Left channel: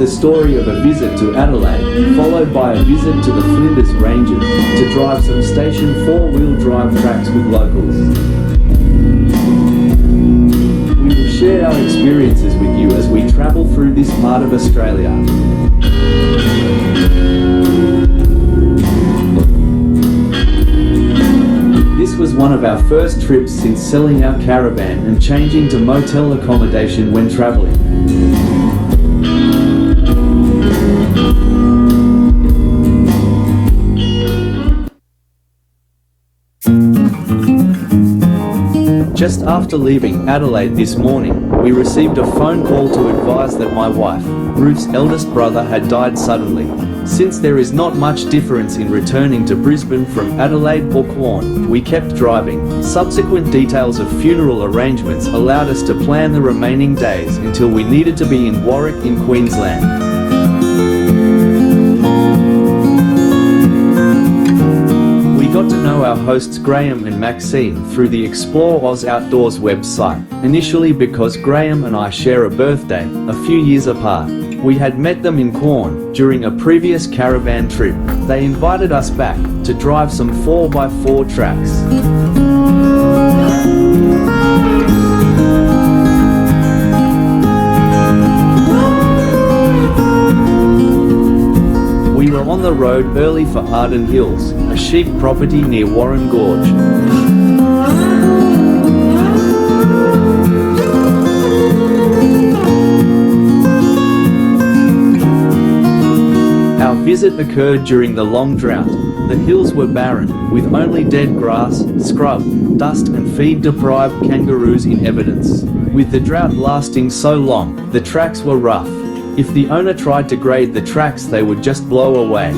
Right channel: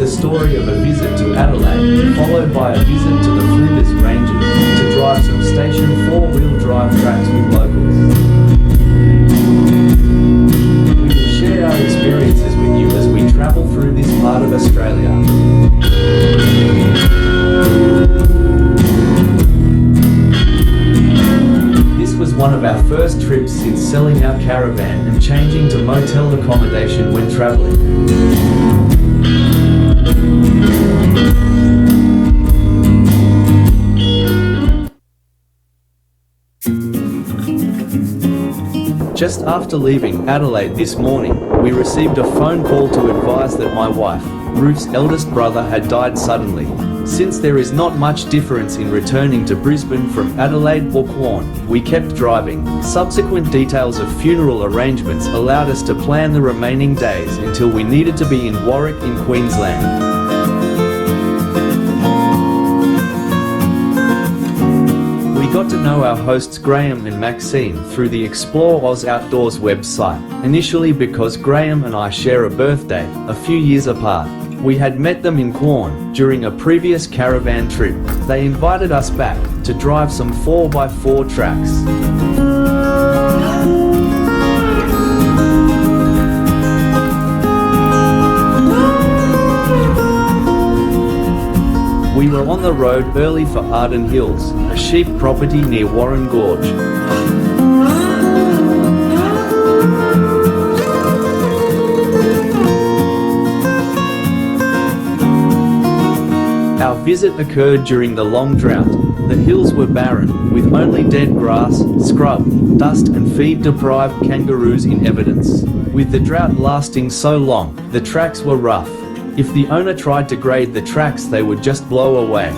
the story of a visit to Adelaide, followed by a visit to the Flinders Ranges, to drive some station 4-wheel drive tracks with locals. We will share our experiences with you as we travel through this part of Australia. This was one of our first trips since selling our caravan and changing to motel accommodation when traveling. Just after leaving Adelaide this morning, we received a phone call to advise that my wife, Ruth's eldest brother, had died suddenly. Since there is not much difference in returning to Brisbane from Adelaide or Quorn, we kept driving. Subsequent details of funeral arrangements allowed us to plan the remaining days until we needed to be in Warwick in Queensland. We got to know our hosts Graham and Maxine through the Explore Oz Outdoors website, initially because Graham and I share a birthday, a few years apart. We had met them in Quorn during a previous caravan trip. They invited us back to drive some 4x4 tracks. We were on the road early for Arden Hills, a sheep property near Warren Gorge. Our visit occurred during the long drought. The hills were barren, with only dead grass, scrub, dust and feed-deprived kangaroos in evidence. With the drought lasting so long, the tracks were rough. If the owner tried to grade the tracks, they would just blow away.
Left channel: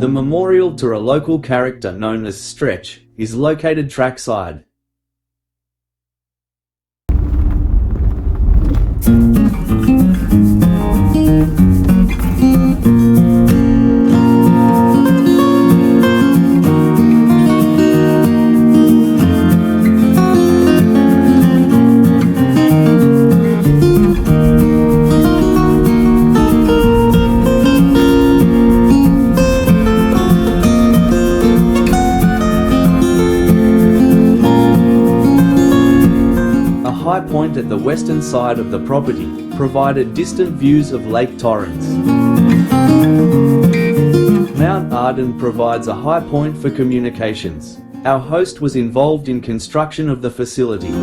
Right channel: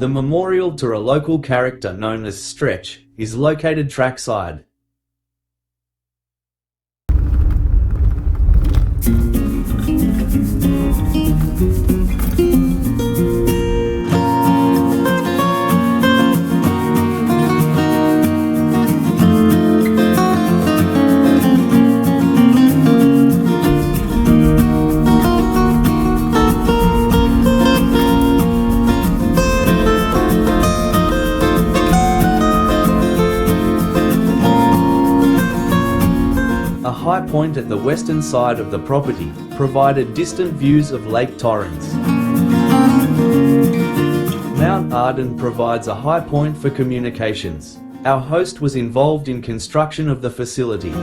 The memorial to a local character known as Stretch is located trackside. A high point at the western side of the property provided distant views of Lake Torrens. Mount Arden provides a high point for communications. Our host was involved in construction of the facility.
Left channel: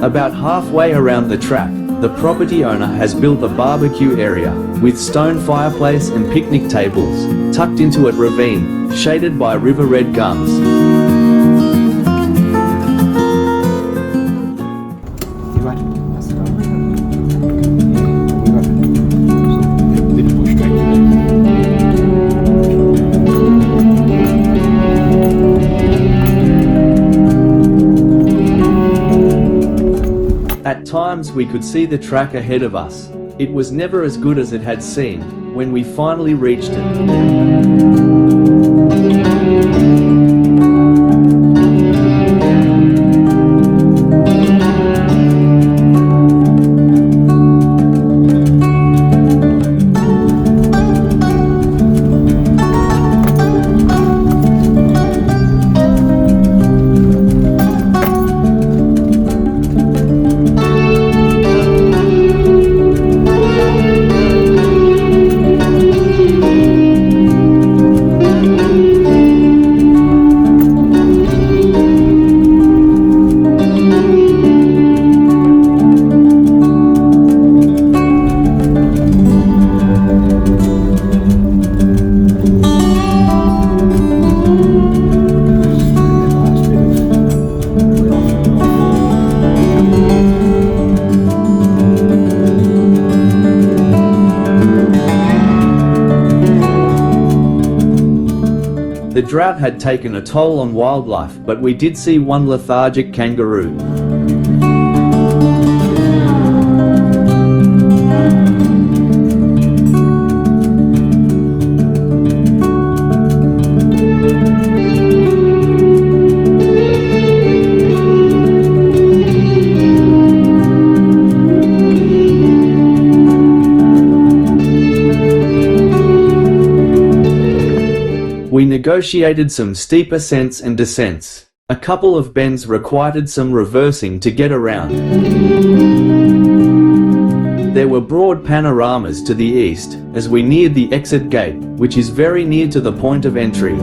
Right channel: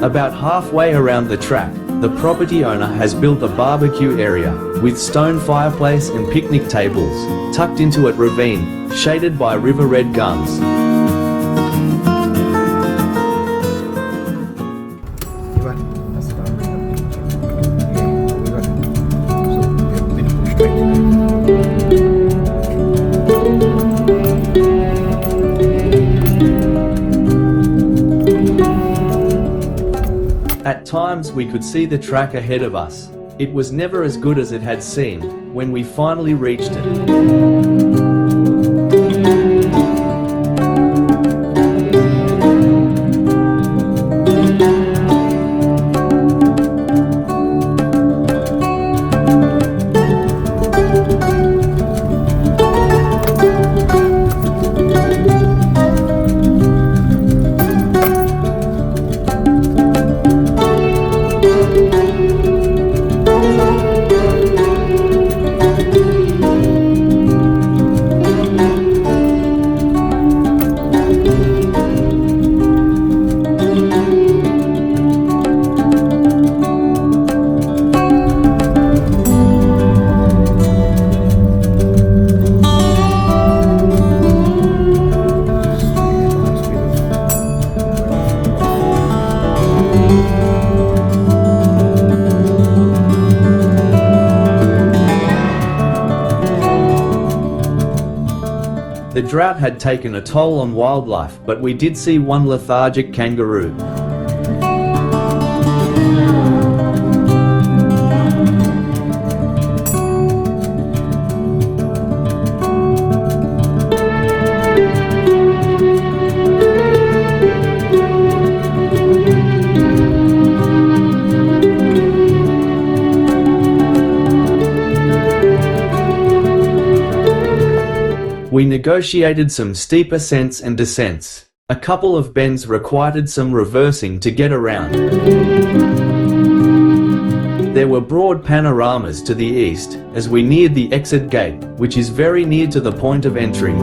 About halfway around the track, the property owner has built a barbecue area, with stone fireplace and picnic tables, tucked into a ravine, shaded by river red gums. At times we could see the track ahead of us. It was never as good as it had seemed when we finally reached it. The drought had taken a toll on wildlife, but we did see one lethargic kangaroo. We negotiated some steep ascents and descents. A couple of bends required some reversing to get around. There were broad panoramas to the east, as we neared the exit gate, which is very near to the point of entry.